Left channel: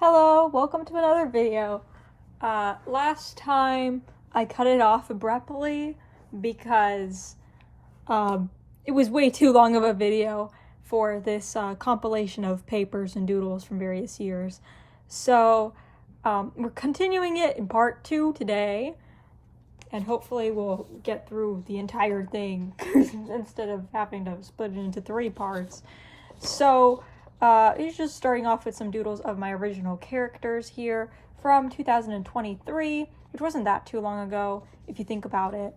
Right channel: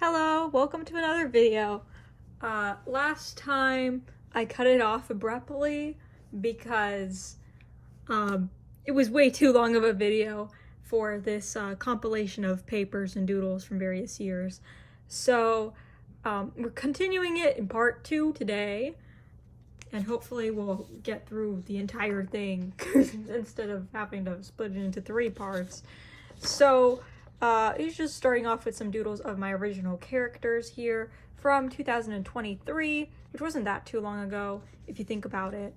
Hello, welcome to another video. Last time I cut it off abruptly because it was way too long of a video for this compilation of papers and doodles from various years. So we're continuing it in part 2 today, and hopefully we'll get through the entire thing instead of having to split it into 3 parts. So it's just starting off with some doodles of my original characters here from 2023, which wasn't that too long ago if you think about it.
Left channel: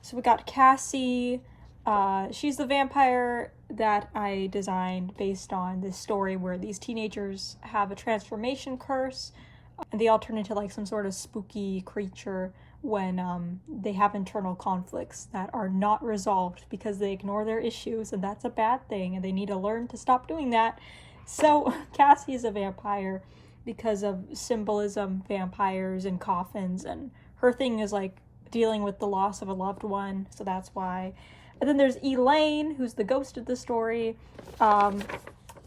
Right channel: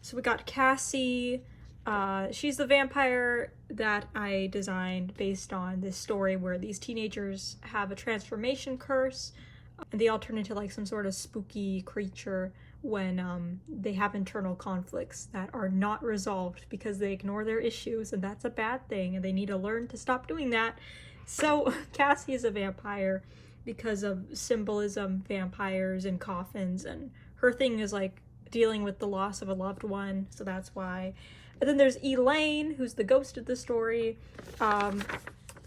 So we got Cassie. She's the vampire that I designed based on this story where these teenagers have a transformation curse and they all turn into like some sort of spooky creature when they have internal conflicts that are not resolved because they ignore their issues, and that's a bad thing and they need to learn to stop doing that. So Cassie is a vampire because of symbolism, vampires and coffins, and her thing is like dealing with the loss of a loved one, so that's why. And then there's Elaine, who's the ghost of the story,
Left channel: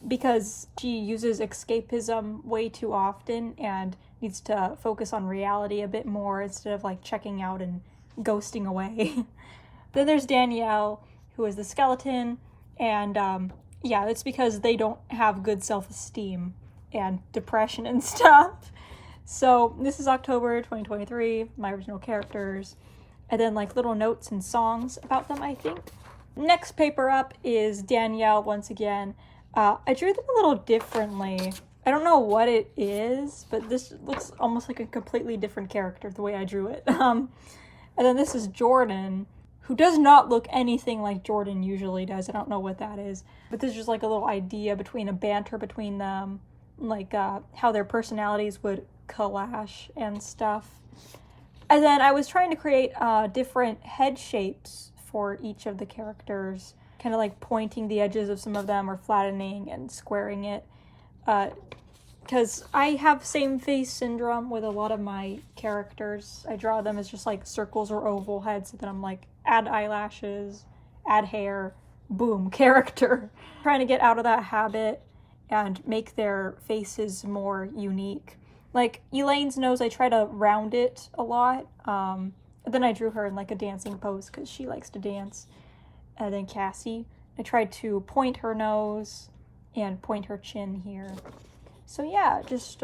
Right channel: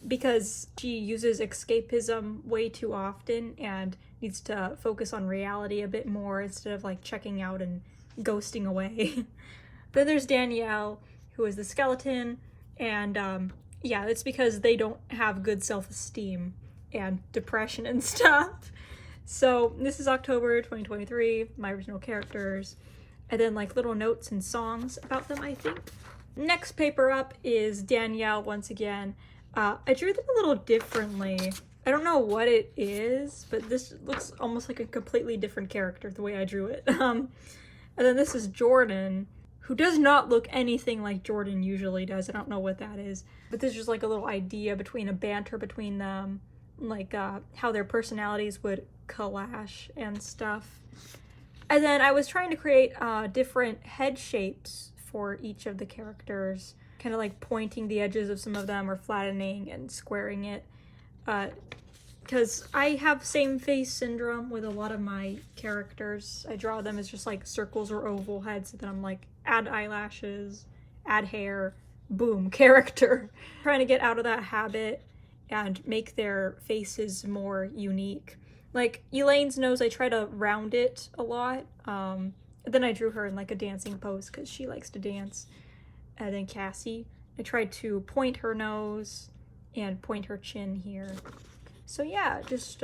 because she uses escapism way too often and needs to focus on reality a bit more instead of like checking out and ghosting away. Then there's Danielle, who is the skeleton, and yeah, that's because they don't have good self-esteem and depression and stuff. So this is October 2023, my original characters, and then like little notes and songs about them, I think. Next paper up is Danielle once again. I drew them a little differently. I don't know what it is, but this looks almost like a completely different character the way I drew it. And then this is Jordan, who does not look anything like Jordan usually does. I don't know what that is, but this is just like a little idea between a banter between them, like how their personalities would clash and stuff. And then I was trying to create different head shapes for each of the characters, kind of like pointing the edges of some of them or flattening and squaring it. Because I have same face syndrome with a lot of my characters. I draw them as just like circles or oval heads, and then I'm like, add eyelashes, add hair, boom, character. Trying to get out of that habit and make their faces more unique. Like Elaine's nose, I try to round it a lot. Then I drew her in like a dancing pose because she likes to dance. And then Cassie, I tried to point her nose and point her chin here. So yeah, just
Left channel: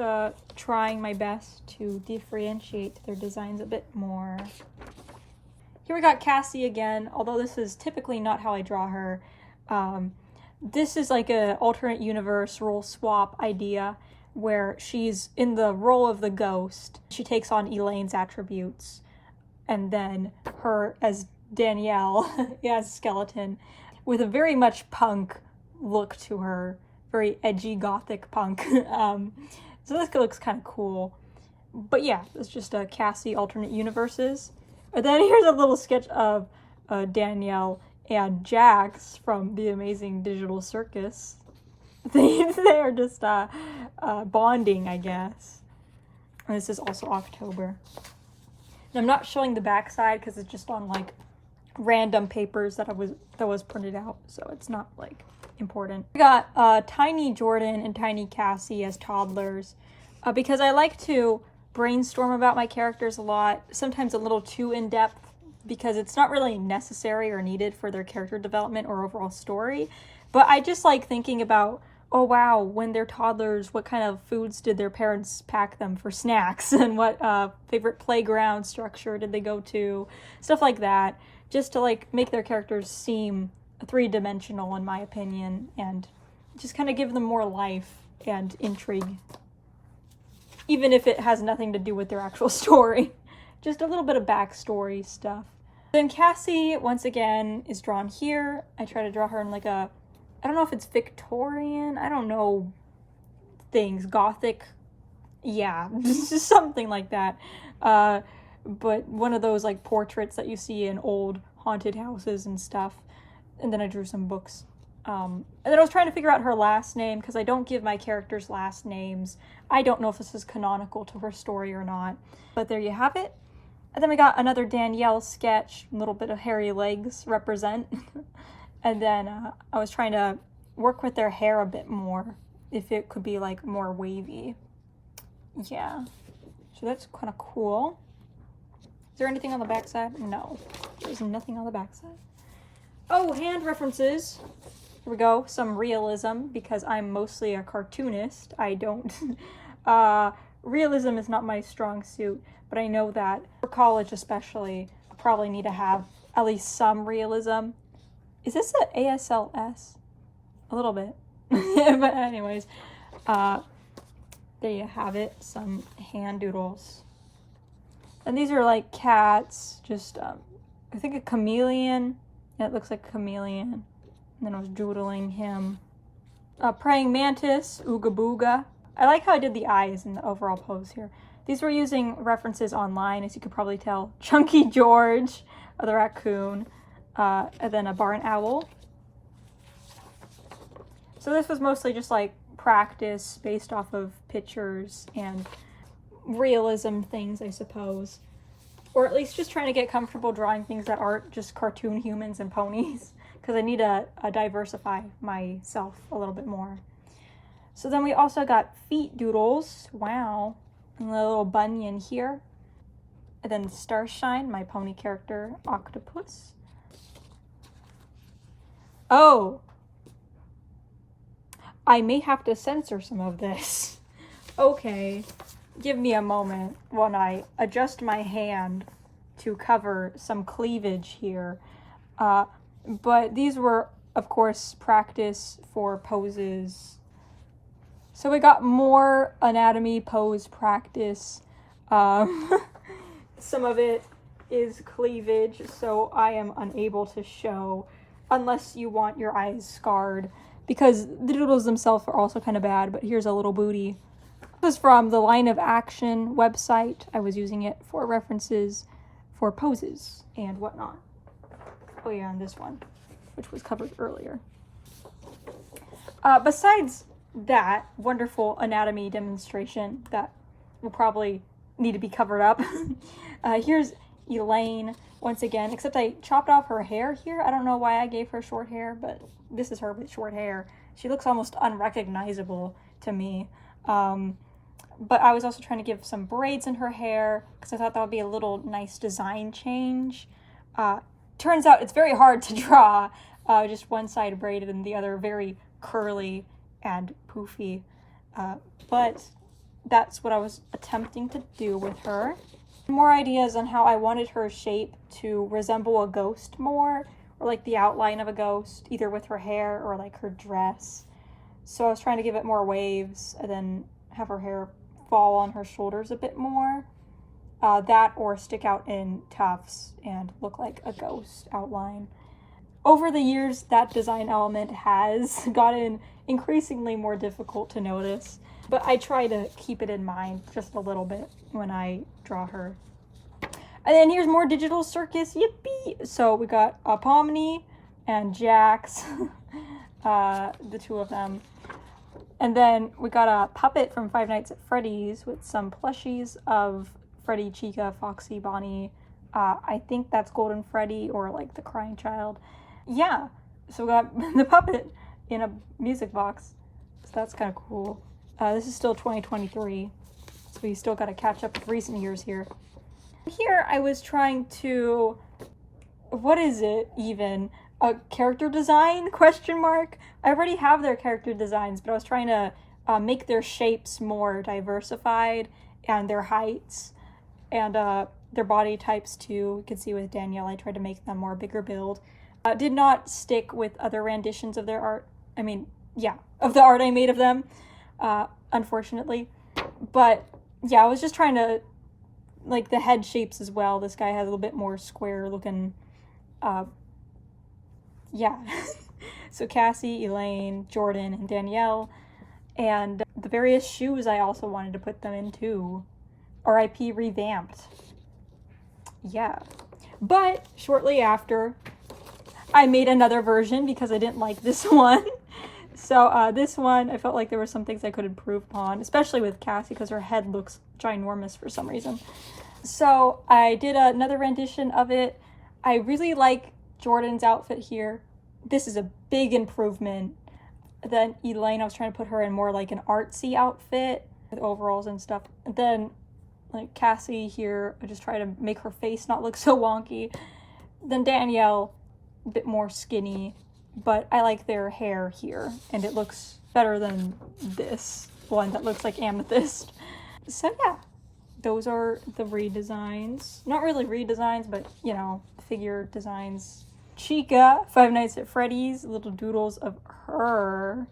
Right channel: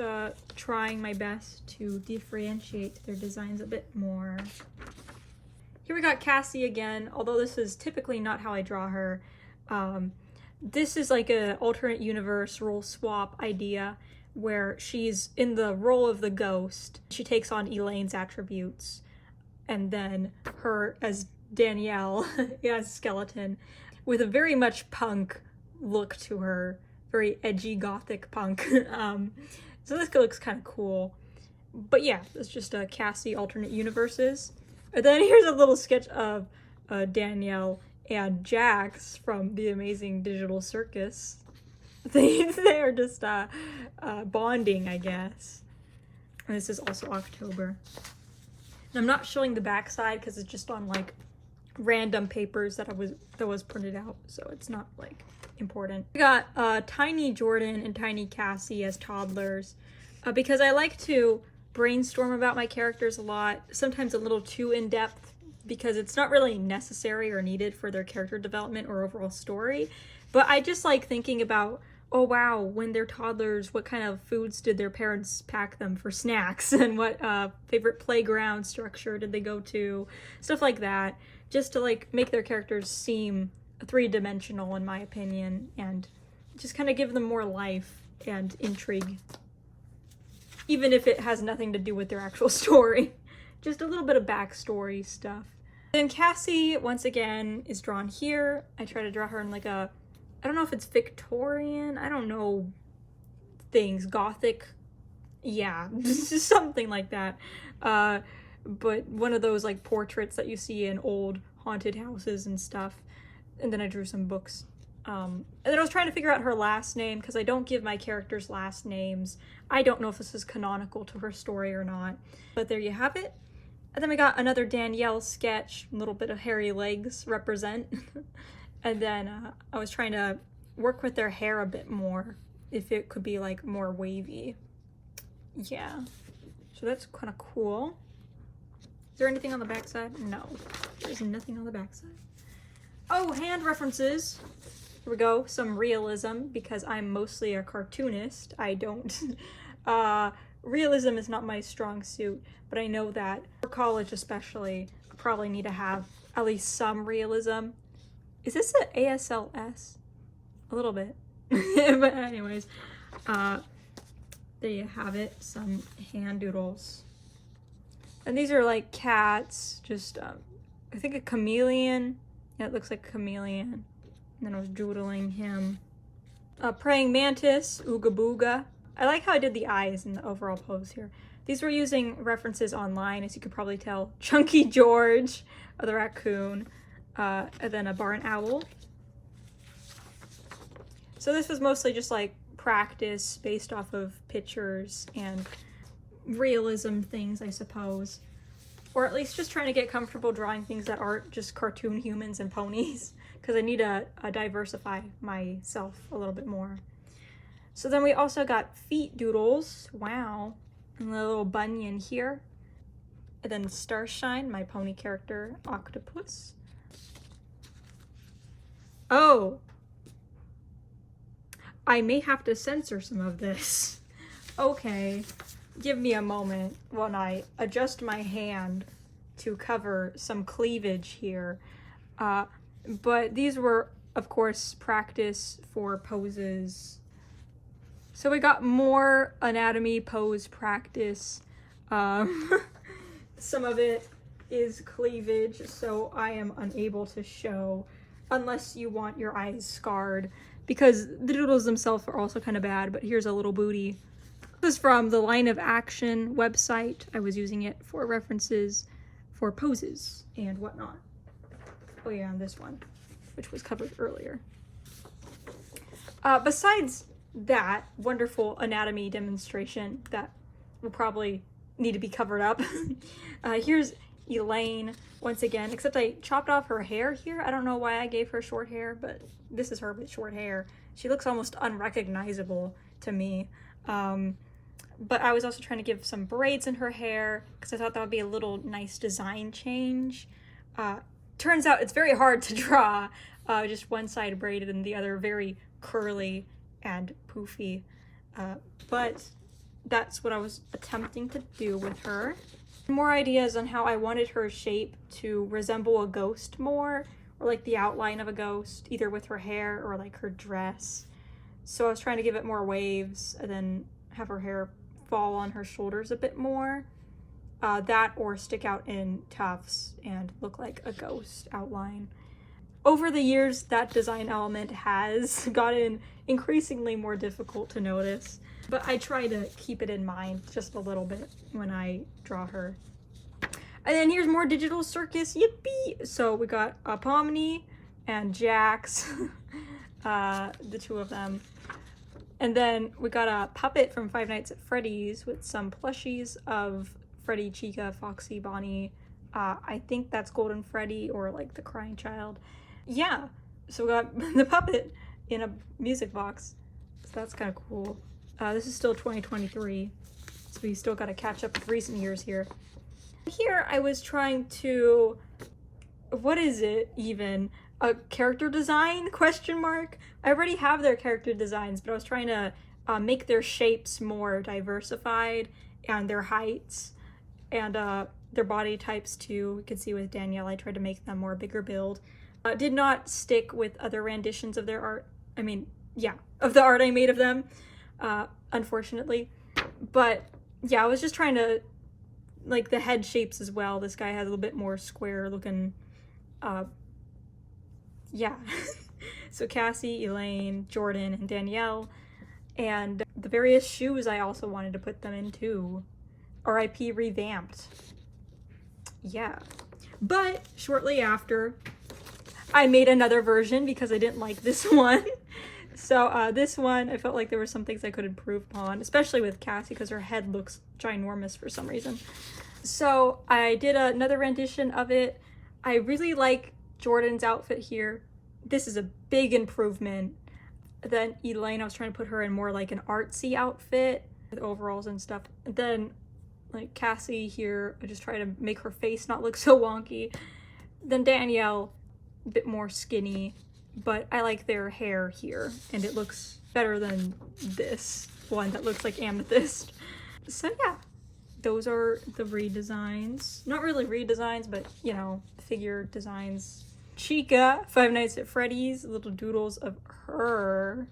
trying my best to differentiate their designs a bit more. Here we got Cassie again, although this is typically not how I draw her. This is like an alternate universe role swap idea where she's in the role of the ghost. She takes on Elaine's attributes, and then her as Danielle, as skeleton, with a very much punk look to her, very edgy gothic punk. So this looks kind of cool. But yeah, it's just a Cassie alternate universes. And then here's a little sketch of Danielle and Jax from the Amazing Digital Circus. They're just bonding, I guess. And this is also October. And I'm not showing the backside because it's just on like random papers that was printed out, so it's not like important. We got Tiny Jordan and Tiny Cassie as toddlers because I like to brainstorm about my characters a lot, sometimes a little too in-depth because it's not really necessary or needed for their character development or overall story. But I just like thinking about, oh wow, when they're toddlers, what kind of foods did their parents pack them for snacks, and what favorite playground structure did they go to, stuff like that, just to like make their characters seem three-dimensional in my opinion, and just kind of give them more life and intrigue, even if it has nothing to do with their actual story. Just a little bit of backstory stuff. Then Cassie, once again, is drawn here. I try to draw her in like a, I don't know if it's Victorian, I don't know things, Gothic, yeah, something like that. But one of those like portraits that you see in old haunted houses and stuff. And then I drew some books. And then I was trying to figure out her last name because I don't give my characters last names. I don't know if this is canonical to her story or not. But there you have it. And then we got another Danielle sketch, a little bit of hairy legs represent. And then I was trying to work with their hair a bit more if it could be like more wavy. Yeah, so that's kind of cool. Is there anything on the backside? No, there's nothing on the backside. Oh, hand references. Here we go, some realism, because I'm mostly a cartoonist. I don't, realism is not my strong suit, but I know that for college especially, I probably need to have at least some realism. Is this an ASLS? A little bit. But anyways, there you have it, some hand doodles. And these are like cats, just, I think a chameleon. Yeah, it looks like a chameleon. And then I was doodling him. Praying mantis, ooga booga. I like how I did the eyes in the overall pose here. These were using references online, as you could probably tell. Chunky George, the raccoon, and then a barn owl. So this was mostly just like practice based off of pictures and realism things, I suppose. Or at least just trying to get comfortable drawing things that aren't just cartoon humans and ponies, because I need to diversify myself a little bit more. So then we also got feet doodles. Wow. And a little bunyan here. And then Starshine, my pony character, octopus. Oh! I may have to censor some of this. Okay, give me a moment when I adjust my hand to cover some cleavage here. But these were, of course, practice for poses. So we got more anatomy pose practice. Some of it is cleavage, so I am unable to show unless you want your eyes scarred, because the doodles themselves are also kind of bad. But here's a little booty. This is from the Line of Action website. I was using it for references for poses and whatnot. Oh yeah, and this one, which was covered earlier. Besides that wonderful anatomy demonstration that will probably need to be covered up, here's Elaine once again, except I chopped off her hair here. I don't know why I gave her short hair, but this is her with short hair. She looks almost unrecognizable to me. But I was also trying to give some braids in her hair because I thought that would be a little nice design change. Turns out it's very hard to draw, just one side braided and the other very curly and poofy. But that's what I was attempting to do with her. More ideas on how I wanted her shape to resemble a ghost more, or like the outline of a ghost, either with her hair or like her dress. So I was trying to give it more waves and then have her hair fall on her shoulders a bit more. That or stick out in tufts and look like a ghost outline. Over the years, that design element has gotten increasingly more difficult to notice, but I try to keep it in mind just a little bit when I draw her. And then here's more digital circus, yippee! So we got Pomni and Jax, the two of them. And then we got a puppet from Five Nights at Freddy's with some plushies of Freddy, Chica, Foxy, Bonnie. I think that's Golden Freddy or like the Crying Child. Yeah, so we got the puppet in a music box. So that's kind of cool. This is still 2023, so we still got to catch up with recent years here. Here I was trying to, what is it even? A character design, question mark? I already have their character designs, but I was trying to make their shapes more diversified and their heights and their body types too. You can see with Danielle, I tried to make them more bigger build. Did not stick with other renditions of their art. I mean, yeah, of the art I made of them, unfortunately. But yeah, I was just trying to, like the head shapes as well. This guy has a little bit more square looking, yeah. So Cassie, Elaine, Jordan, and Danielle. And the various shoes I also wanted to put them in too. RIP revamped. Yeah. But shortly after, I made another version because I didn't like this one. So this one, I felt like there were some things I could improve upon, especially with Cassie because her head looks ginormous for some reason. So I did another rendition of it. I really like Jordan's outfit here. This is a big improvement. Then Elaine, I was trying to put her in more like an artsy outfit with overalls and stuff. And then like Cassie here, I just try to make her face not look so wonky. Then Danielle, a bit more skinny, but I like their hair here, and it looks better than this one that looks like amethyst. So yeah, those are the redesigns. Not really redesigns, but you know, figure designs. Chica, Five Nights at Freddy's, little doodles of her.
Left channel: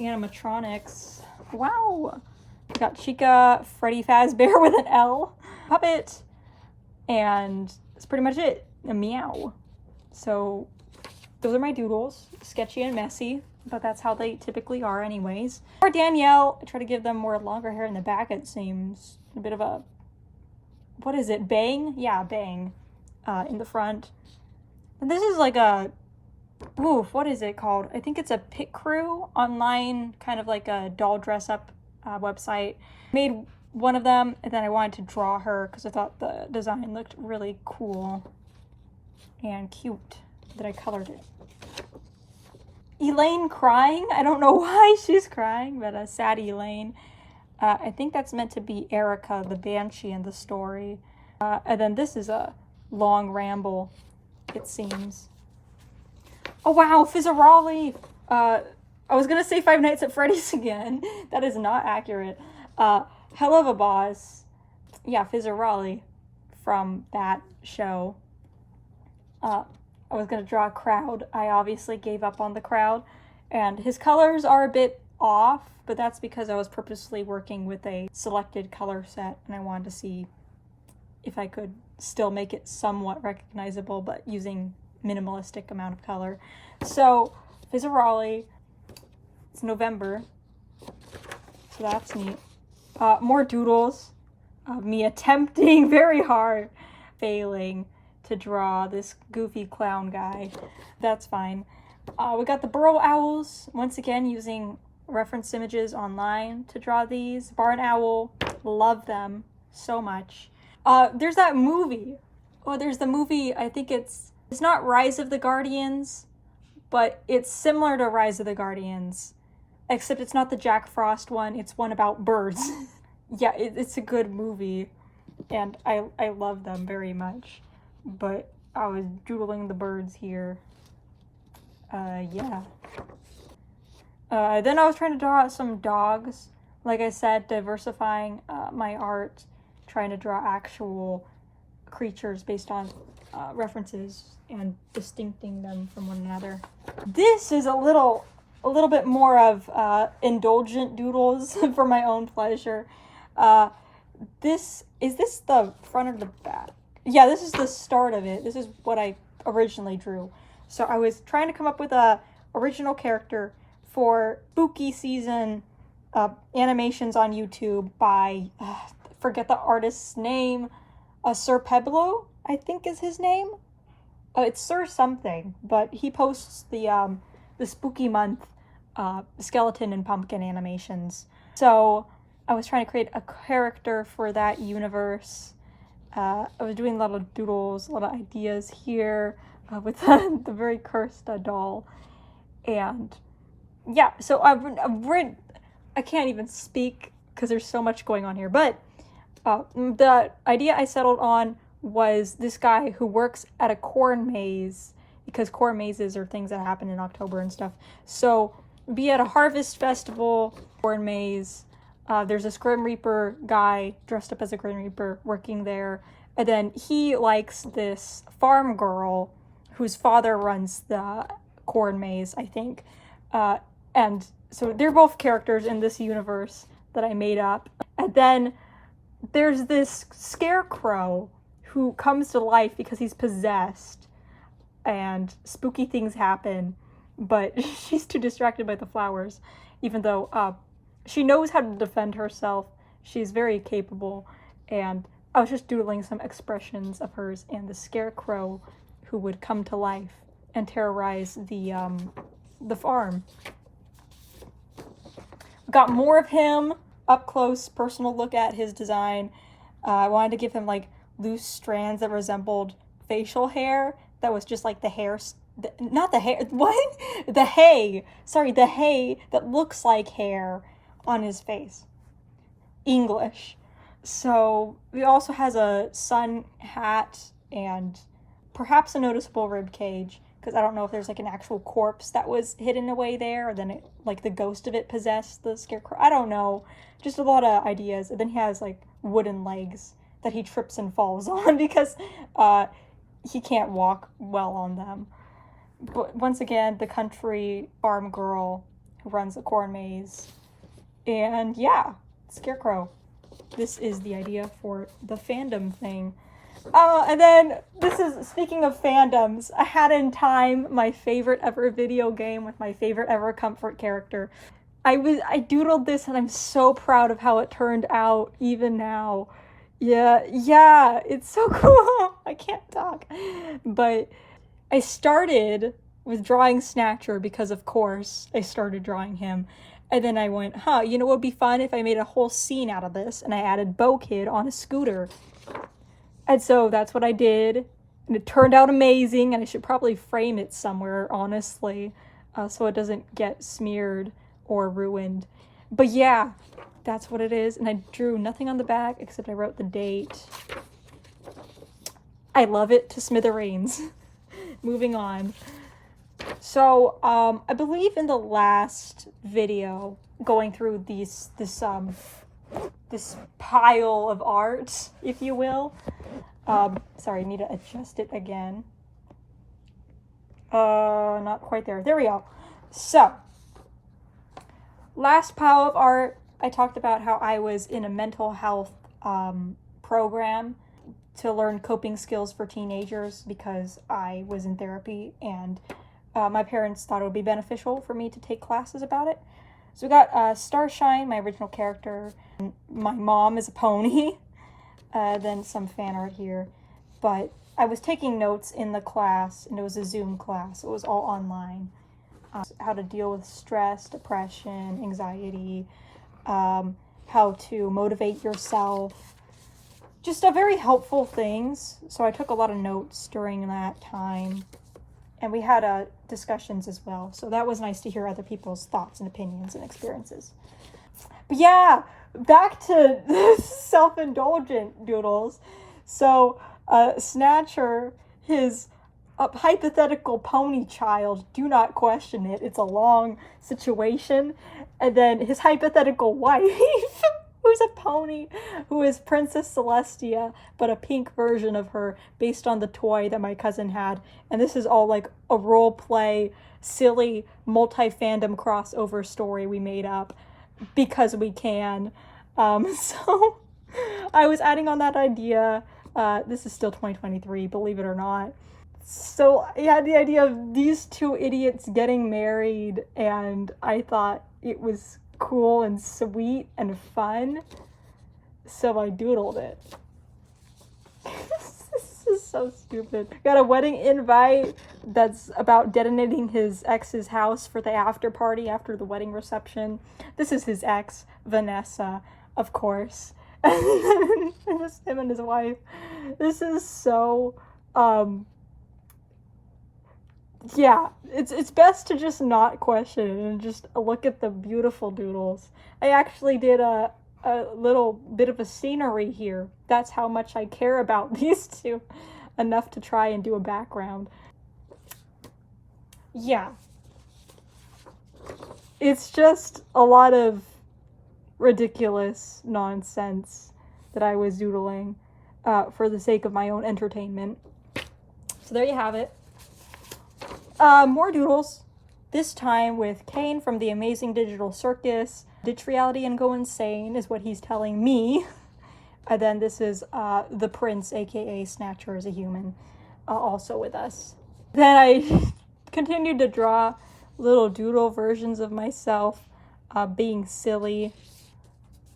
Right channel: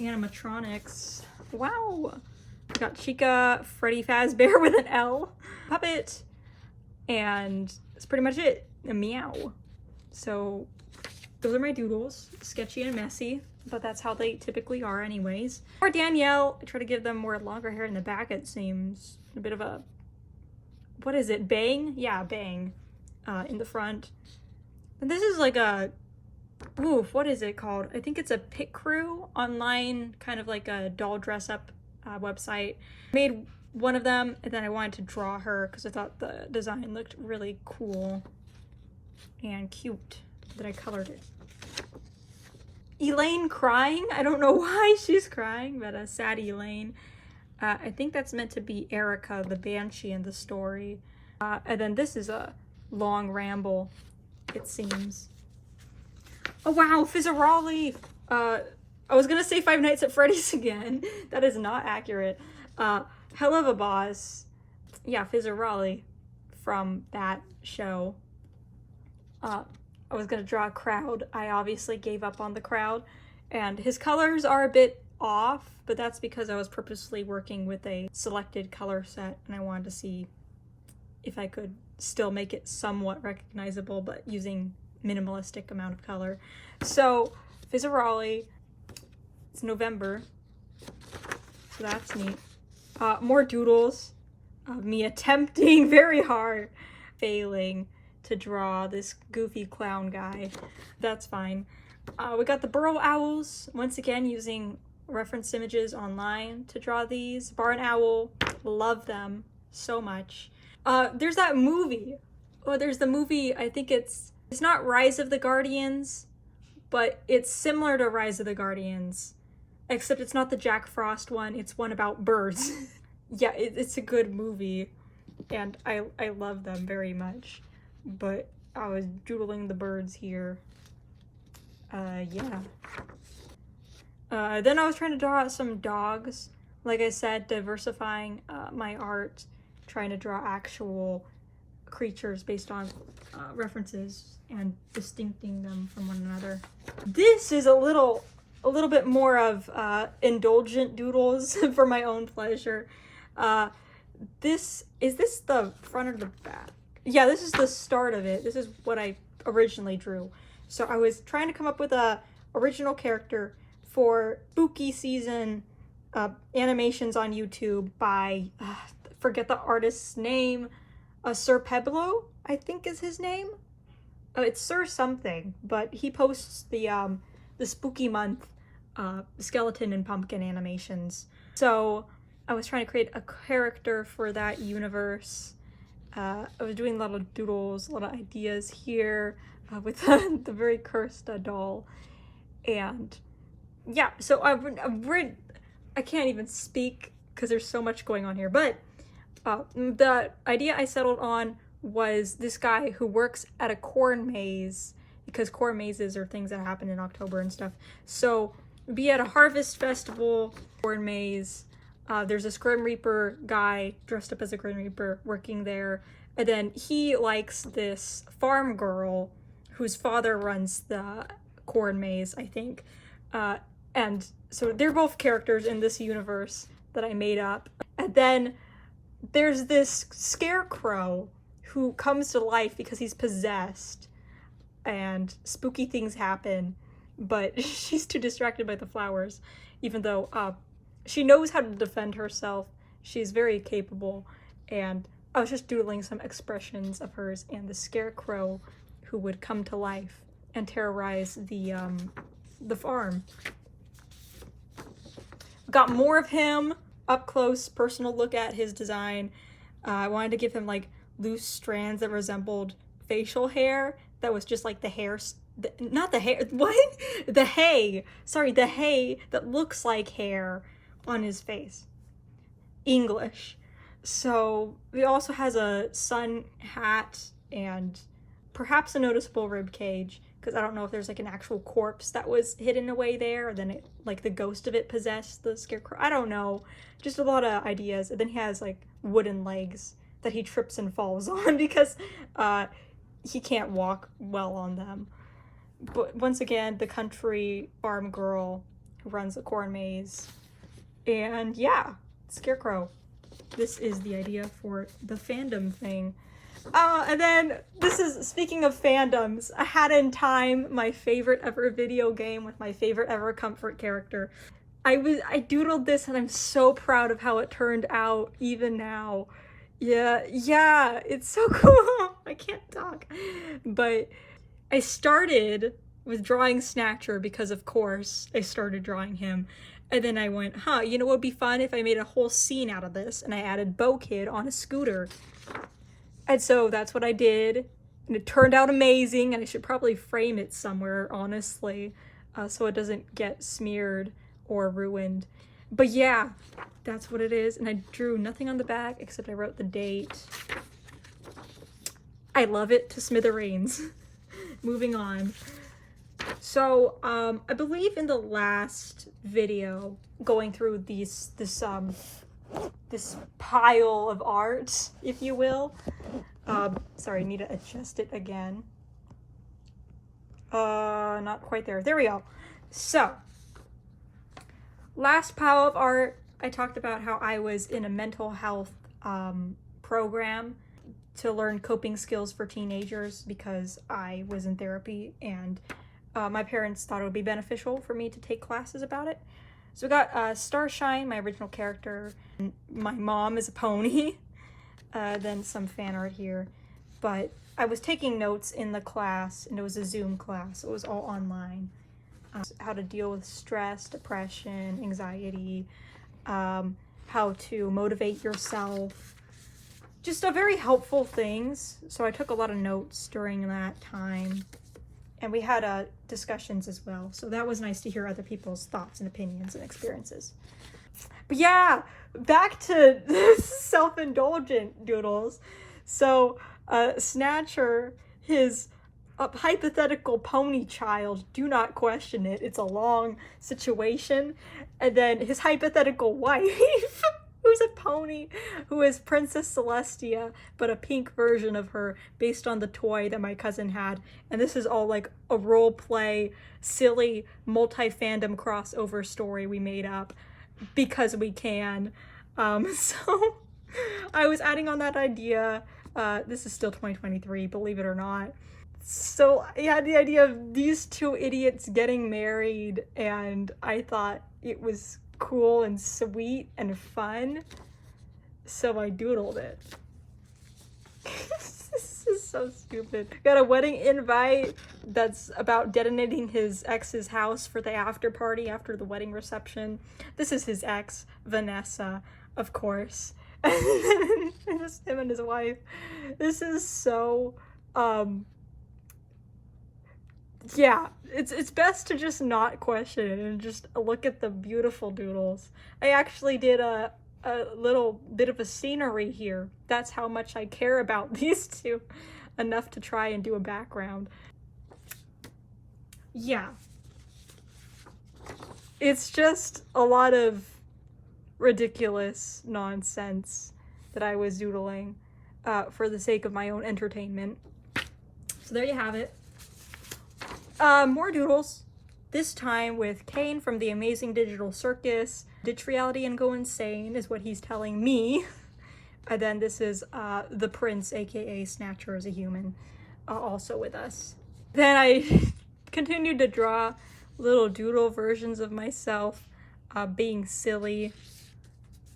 Animatronics. Wow. Got Chica, Freddy Fazbear with an L, puppet, and that's pretty much it. A meow. So those are my doodles. Sketchy and messy, but that's how they typically are anyways. For Danielle, I try to give them more longer hair in the back, it seems. A bit of a, what is it, bang? Yeah, bang in the front. And this is like a, oof, what is it called? I think it's a Pit Crew online, kind of like a doll dress up website. Made one of them, and then I wanted to draw her because I thought the design looked really cool and cute that I colored it. Elaine crying. I don't know why she's crying, but a sad Elaine. I think that's meant to be Erica, the banshee in the story. And then this is a long ramble, it seems. Oh wow, Fizzarolli! I was gonna say Five Nights at Freddy's again. That is not accurate. Hell of a Boss. Yeah, Fizzarolli from that show. I was gonna draw a crowd. I obviously gave up on the crowd. And his colors are a bit off, but that's because I was purposely working with a selected color set and I wanted to see if I could still make it somewhat recognizable, but using minimalistic amount of color. So, Fizzarolli, it's November, so that's neat. More doodles of me attempting very hard, failing to draw this goofy clown guy. That's fine. We got the burrow owls, once again using reference images online to draw these. Barn owl, love them so much. There's that movie. Oh, there's the movie, I think it's not Rise of the Guardians, but it's similar to Rise of the Guardians, except it's not the Jack Frost one, it's one about birds. Yeah, it's a good movie, and I love them very much, but I was doodling the birds here. Yeah. Then I was trying to draw some dogs. Like I said, diversifying my art, trying to draw actual creatures based on references and distincting them from one another. This is a little bit more of indulgent doodles for my own pleasure. Is this the front or the back? Yeah, this is the start of it. This is what I originally drew. So I was trying to come up with a original character for spooky season animations on YouTube by, forget the artist's name, Sir Peblo, I think is his name. It's Sir something, but he posts the spooky month skeleton and pumpkin animations. So I was trying to create a character for that universe. I was doing a lot of doodles, a lot of ideas here with the very cursed doll. And yeah, so I can't even speak because there's so much going on here. But the idea I settled on was this guy who works at a corn maze, because corn mazes are things that happen in October and stuff. So be at a harvest festival, corn maze, there's this Grim Reaper guy dressed up as a Grim Reaper working there, and then he likes this farm girl whose father runs the corn maze, I think. And so they're both characters in this universe that I made up. And then there's this scarecrow who comes to life because he's possessed and spooky things happen, but she's too distracted by the flowers, even though she knows how to defend herself. She's very capable, and I was just doodling some expressions of hers and the scarecrow who would come to life and terrorize the farm. Got more of him, up close, personal look at his design. I wanted to give him like loose strands that resembled facial hair that was just like the hair not the hair, what? The hay. Sorry, the hay that looks like hair on his face. English. So he also has a sun hat and perhaps a noticeable rib cage, because I don't know if there's like an actual corpse that was hidden away there, or then it, like the ghost of it possessed the scarecrow. I don't know. Just a lot of ideas. And then he has like wooden legs that he trips and falls on because he can't walk well on them. But once again, the country farm girl who runs a corn maze. And yeah, Scarecrow. This is the idea for the fandom thing. And then this is, speaking of fandoms, I had in time my favorite ever video game with my favorite ever comfort character. I doodled this and I'm so proud of how it turned out even now. Yeah, it's so cool. I can't talk. But I started with drawing Snatcher because, of course, I started drawing him. And then I went, you know what would be fun if I made a whole scene out of this? And I added Bo Kid on a scooter. And so that's what I did. And it turned out amazing. And I should probably frame it somewhere, honestly, so it doesn't get smeared or ruined. But yeah, that's what it is. And I drew nothing on the back except I wrote the date. I love it to smithereens. Moving on. So, I believe in the last video, going through this pile of art, if you will. Sorry, I need to adjust it again. Not quite there. There we go. So, last pile of art, I talked about how I was in a mental health program to learn coping skills for teenagers because I was in therapy, and my parents thought it would be beneficial for me to take classes about it. So we got Starshine, my original character, and my mom is a pony, then some fan art here. But I was taking notes in the class, and it was a Zoom class. It was all online. How to deal with stress, depression, anxiety, how to motivate yourself. Just a very helpful things. So I took a lot of notes during that time. And we had discussions as well. So that was nice to hear other people's thoughts and opinions and experiences. But yeah, back to self-indulgent doodles. So Snatcher, his hypothetical pony child, do not question it. It's a long situation. And then his hypothetical wife, who's a pony, who is Princess Celestia, but a pink version of her based on the toy that my cousin had. And this is all like a role play, silly, multi-fandom crossover story we made up because we can. So I was adding on that idea. This is still 2023, believe it or not. So I had the idea of these two idiots getting married, and I thought it was cool and sweet and fun, so I doodled it. This is so stupid. Got a wedding invite that's about detonating his ex's house for the after party after the wedding reception. This is his ex, Vanessa, of course. And just him and his wife. This is so yeah, it's best to just not question it and just look at the beautiful doodles. I actually did a little bit of a scenery here. That's how much I care about these two, enough to try and do a background. Yeah. It's just a lot of ridiculous nonsense that I was doodling for the sake of my own entertainment. So there you have it. More doodles, this time with Kane from the Amazing Digital Circus. Ditch reality and go insane is what he's telling me. And then this is the Prince, aka Snatcher as a human, also with us. Then I continued to draw little doodle versions of myself being silly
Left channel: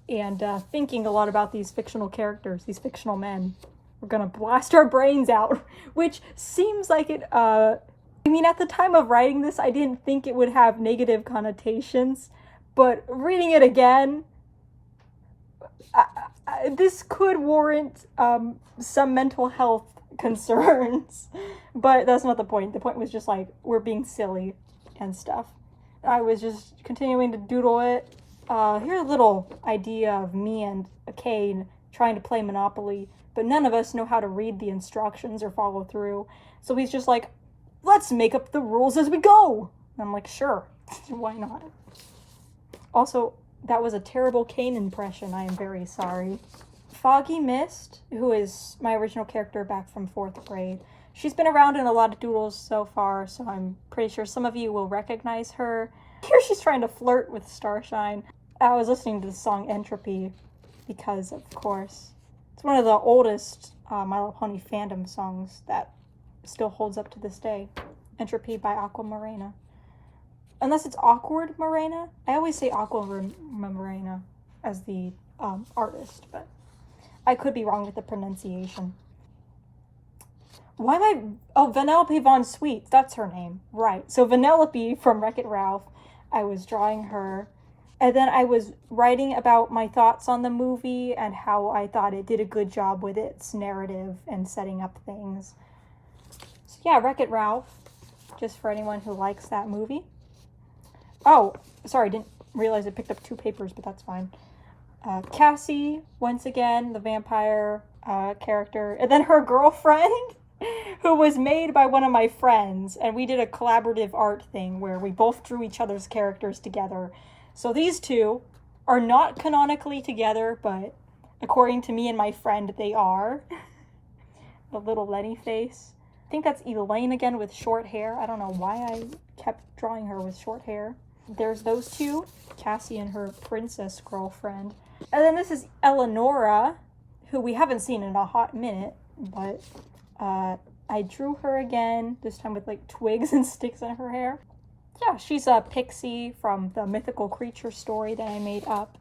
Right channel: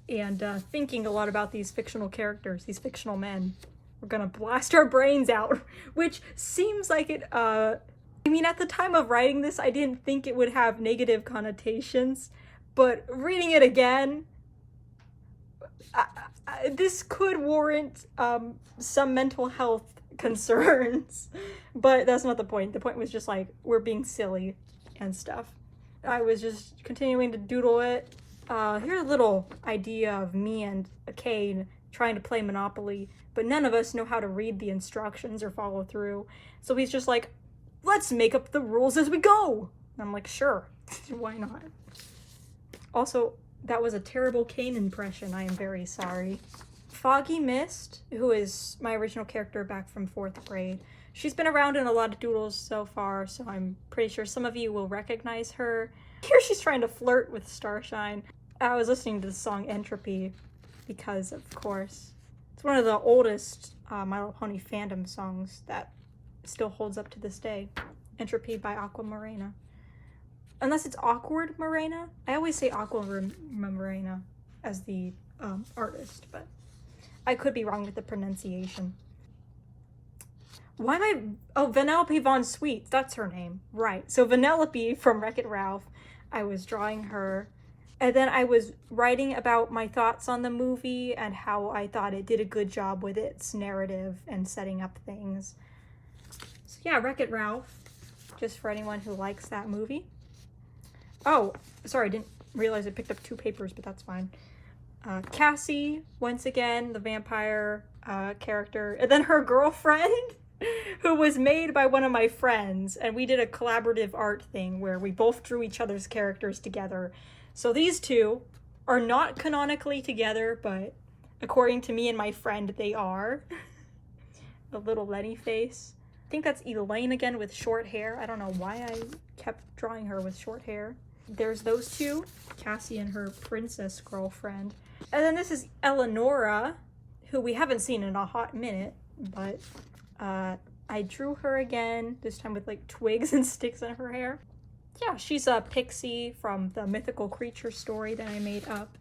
and thinking a lot about these fictional characters, these fictional men. We're gonna blast our brains out, which seems like it, I mean, at the time of writing this, I didn't think it would have negative connotations, but reading it again, this could warrant some mental health concerns. But that's not the point. The point was just like, we're being silly and stuff. I was just continuing to doodle it. Here's a little idea of me and Kane trying to play Monopoly, but none of us know how to read the instructions or follow through. So he's just like, let's make up the rules as we go. And I'm like, sure, why not? Also, that was a terrible Kane impression. I am very sorry. Foggy Mist, who is my original character back from 4th grade. She's been around in a lot of doodles so far, so I'm pretty sure some of you will recognize her. Here she's trying to flirt with Starshine. I was listening to the song Entropy because, of course, it's one of the oldest My Little Pony fandom songs that still holds up to this day. Entropy by Aqua Morena. Unless it's Awkward Morena. I always say Aqua Morena as the artist, but I could be wrong with the pronunciation. Why am I... Oh, Vanellope Von Sweet. That's her name. Right. So Vanellope from Wreck-It Ralph. I was drawing her. And then I was writing about my thoughts on the movie and how I thought it did a good job with its narrative and setting up things. So yeah, Wreck-It Ralph. Just for anyone who likes that movie. Oh, sorry, didn't realize I picked up 2 papers, but that's fine. Cassie, once again, the vampire character. And then her girlfriend, who was made by one of my friends. And we did a collaborative art thing where we both drew each other's characters together. So these two are not canonically together, but according to me and my friend, they are. The little Lenny face. I think that's Elaine again with short hair. I don't know why I kept drawing her with short hair. There's those two, Cassie and her princess girlfriend. And then this is Eleonora, who we haven't seen in a hot minute, but I drew her again, this time with like twigs and sticks in her hair. Yeah, she's a pixie from the mythical creature story that I made up.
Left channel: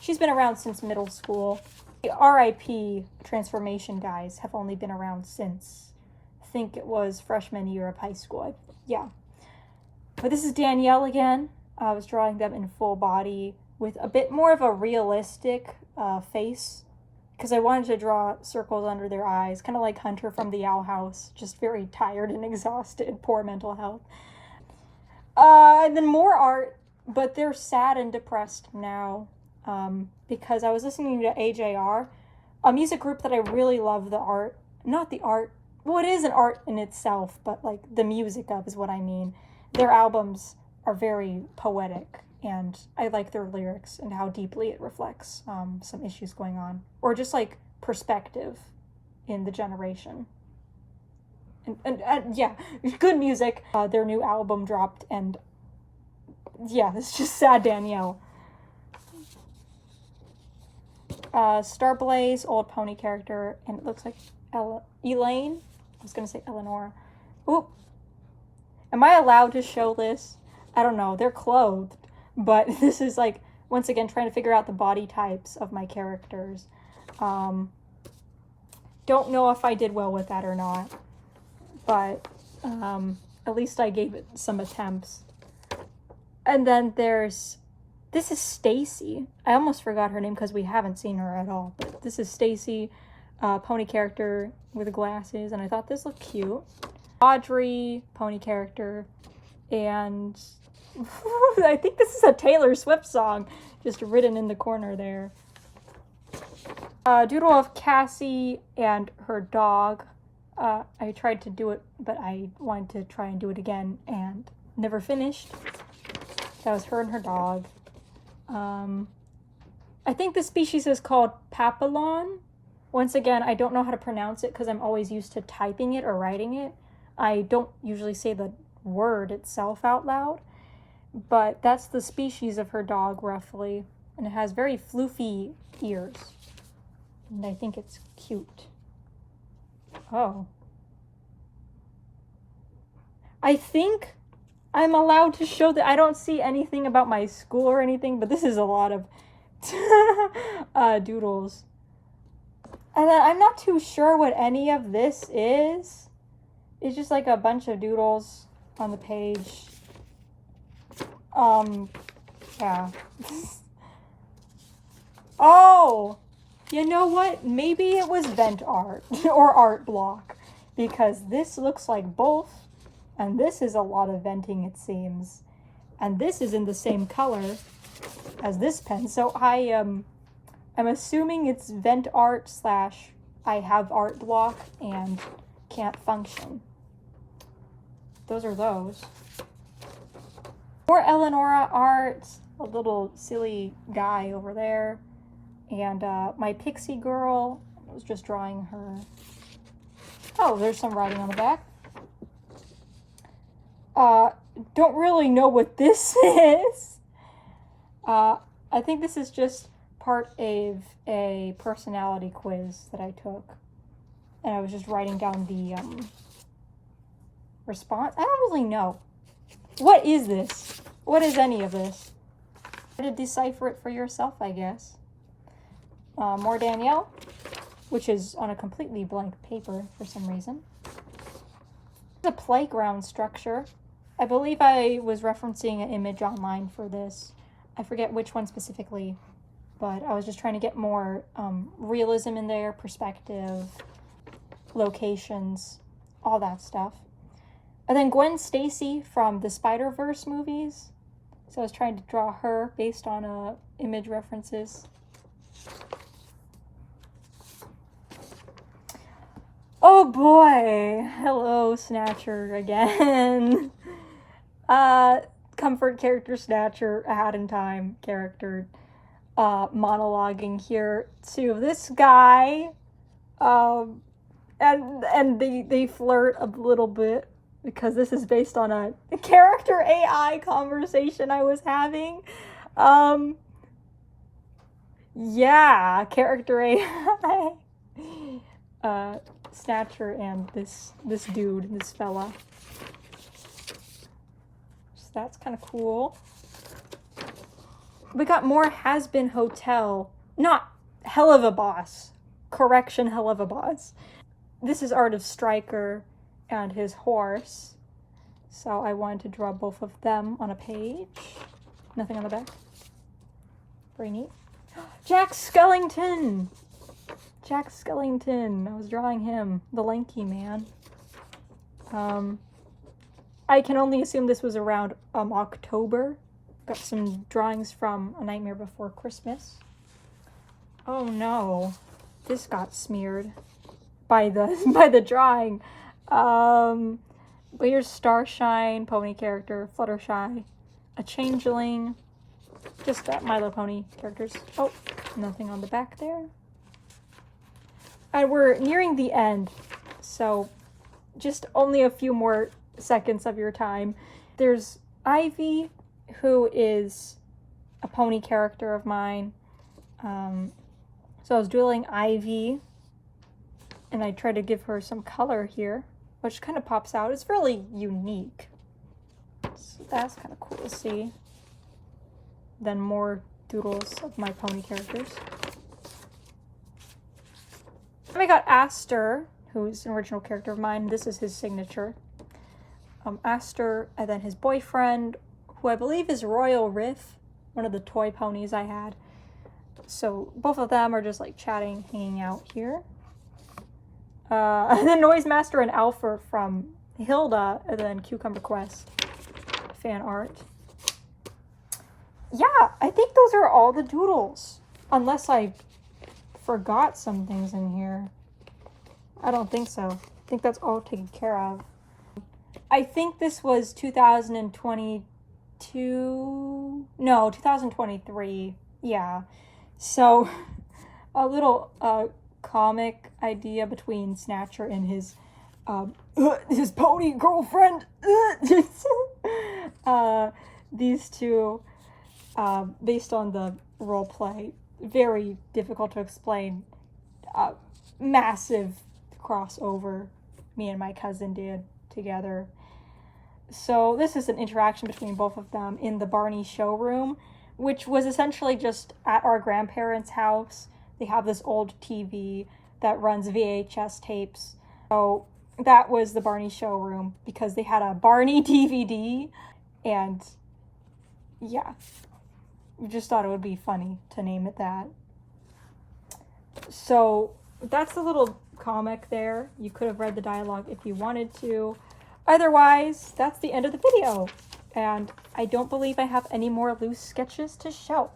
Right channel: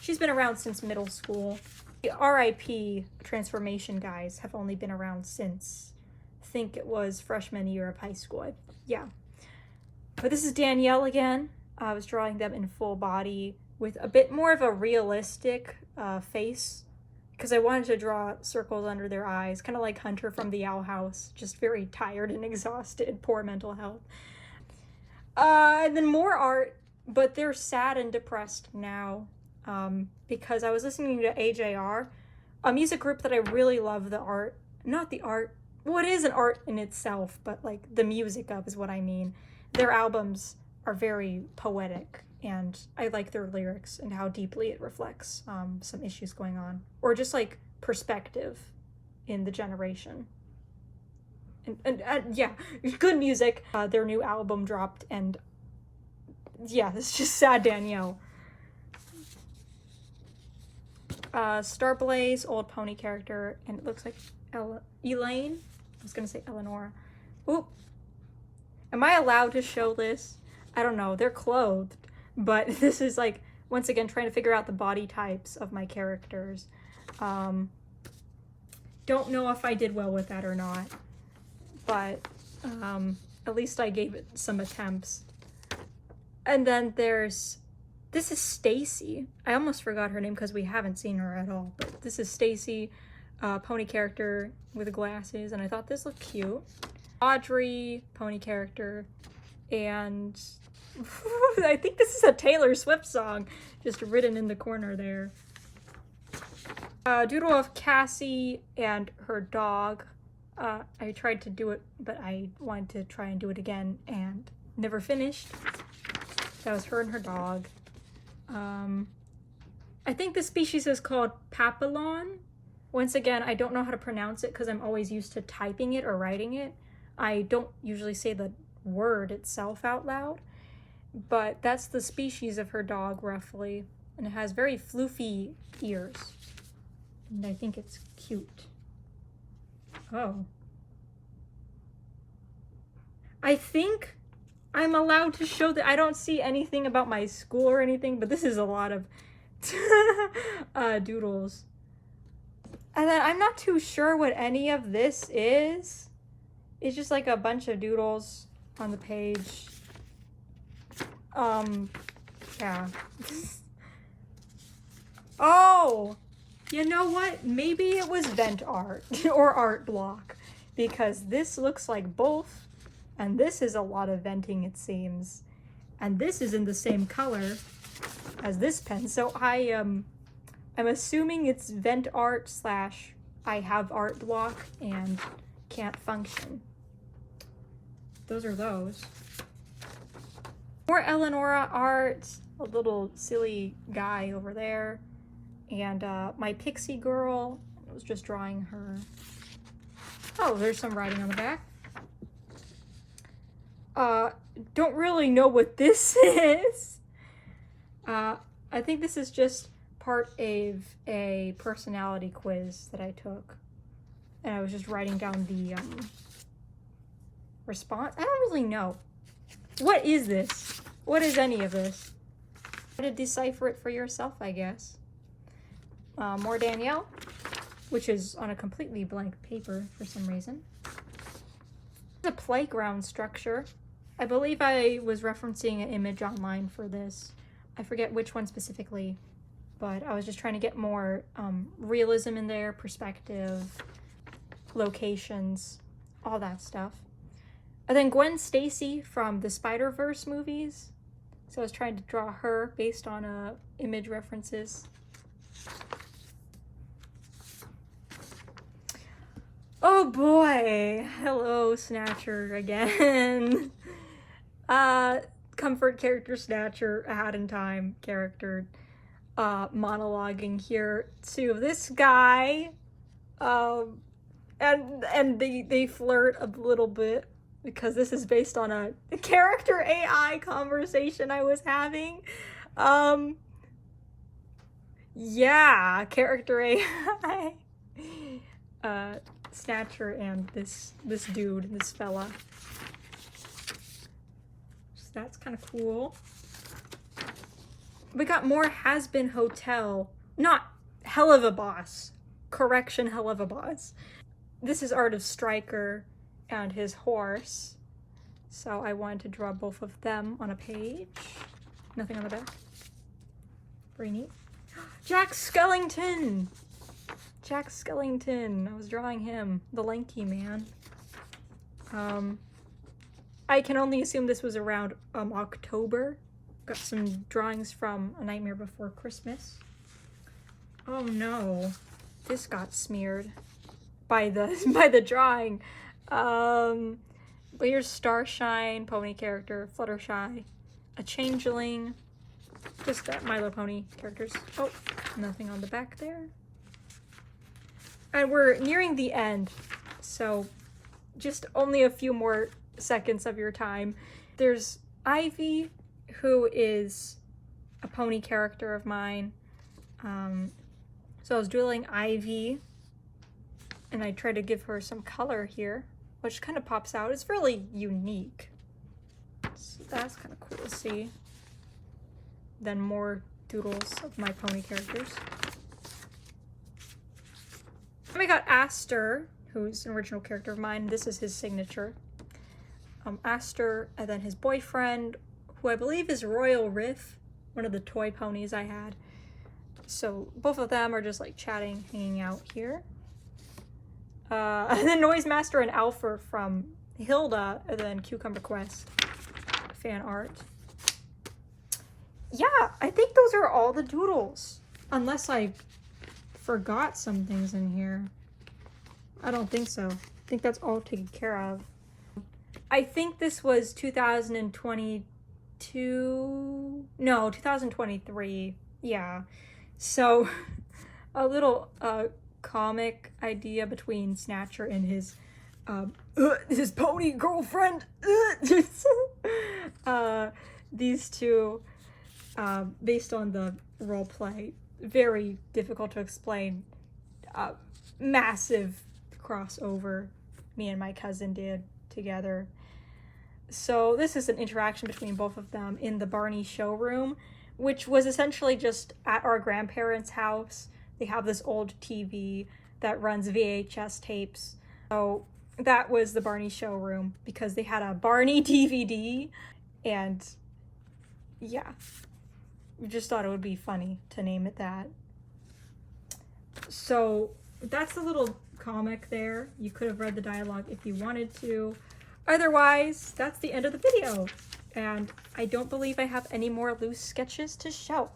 She's been around since middle school. The RIP transformation guys have only been around since, I think it was freshman year of high school. Yeah. But this is Danielle again. I was drawing them in full body with a bit more of a realistic face because I wanted to draw circles under their eyes, kind of like Hunter from the Owl House, just very tired and exhausted, poor mental health. And then more art, but they're sad and depressed now because I was listening to AJR, a music group that I really love the art. Not the art, well, it is an art in itself, but like the music of is what I mean. Their albums are very poetic, and I like their lyrics and how deeply it reflects some issues going on, or just like perspective in the generation. And yeah, good music. Their new album dropped, and yeah, it's just sad Danielle. Starblaze, old pony character, and it looks like Elaine. I was gonna say Eleanor. Oop. Am I allowed to show this? I don't know. They're clothed, but this is like, once again, trying to figure out the body types of my characters. Don't know if I did well with that or not, but at least I gave it some attempts. And then this is Stacy. I almost forgot her name because we haven't seen her at all, but this is Stacy, pony character with glasses, and I thought this looked cute. Audrey, pony character, and I think this is a Taylor Swift song, just written in the corner there. Doodle of Cassie and her dog. I tried to do it, but I wanted to try and do it again and never finished. That was her and her dog. I think the species is called Papillon. Once again, I don't know how to pronounce it because I'm always used to typing it or writing it. I don't usually say the word itself out loud, but that's the species of her dog roughly, and it has very floofy ears, and I think it's cute. Oh. I think I'm allowed to show that. I don't see anything about my school or anything, but this is a lot of doodles. And then I'm not too sure what any of this is. It's just like a bunch of doodles on the page. Yeah. Oh! You know what? Maybe it was vent art or art block, because this looks like both, and this is a lot of venting, it seems. And this is in the same color as this pen, so I'm assuming it's vent art slash I have art block and can't function. Those are those. More Eleonora art, a little silly guy over there, and my pixie girl. I was just drawing her. Oh, there's some writing on the back. Don't really know what this is. I think this is just part of a personality quiz that I took, and I was just writing down the response. I don't really know. What is this? What is any of this? Try to decipher it for yourself, I guess. More Danielle, which is on a completely blank paper for some reason. It's a playground structure. I believe I was referencing an image online for this. I forget which one specifically, but I was just trying to get more realism in there, perspective, locations, all that stuff. And then Gwen Stacy from the Spider-Verse movies. So I was trying to draw her based on image references. Oh boy! Hello, Snatcher again. Comfort character Snatcher, a Hat in Time character, monologuing here to this guy, and they flirt a little bit because this is based on a character AI conversation I was having. Yeah, character AI. Snatcher and this dude, this fella. So that's kind of cool. We got more Has Been Hotel. Not Hell of a Boss. Correction, Hell of a Boss. This is art of Stryker and his horse. So I wanted to draw both of them on a page. Nothing on the back. Very neat. Jack Skellington! Jack Skellington. I was drawing him. The lanky man. I can only assume this was around October. Got some drawings from A Nightmare Before Christmas. Oh no. This got smeared by the drawing. But here's Starshine, pony character, Fluttershy, a changeling, just My Little Pony characters. Oh, nothing on the back there. And we're nearing the end, so just only a few more seconds of your time. There's Ivy, who is a pony character of mine. So I was doodling Ivy, and I tried to give her some color here, which kind of pops out. It's really unique. So that's kind of cool to see. Then more doodles of my pony characters. And we got Aster, who's an original character of mine. This is his signature. Aster, and then his boyfriend, who I believe is Royal Riff, one of the toy ponies I had. So both of them are just like chatting, hanging out here. And then Noise Master and Alpha from Hilda, and then Cucumber Quest fan art. Yeah, I think those are all the doodles. Unless I forgot some things in here. I don't think so. I think that's all taken care of. I think this was 2022. No, 2023. Yeah. So a little comic idea between Snatcher and his pony girlfriend. These two, based on the role play, very difficult to explain. Massive crossover me and my cousin did together. So this is an interaction between both of them in the Barney showroom, which was essentially just at our grandparents' house. They have this old TV that runs VHS tapes. So that was the Barney showroom because they had a Barney DVD, and yeah, we just thought it would be funny to name it that. So that's a little comic there. You could have read the dialogue if you wanted to. Otherwise, that's the end of the video. And I don't believe I have any more loose sketches to show.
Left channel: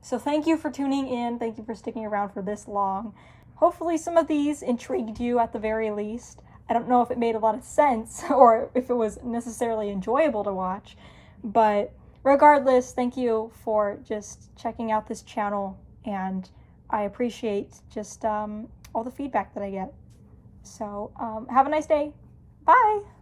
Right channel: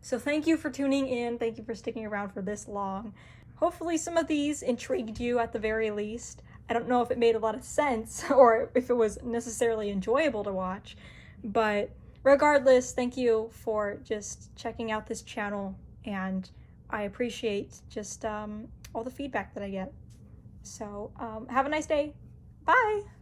So thank you for tuning in. Thank you for sticking around for this long. Hopefully some of these intrigued you at the very least. I don't know if it made a lot of sense or if it was necessarily enjoyable to watch, but regardless, thank you for just checking out this channel, and I appreciate just all the feedback that I get. So have a nice day. Bye!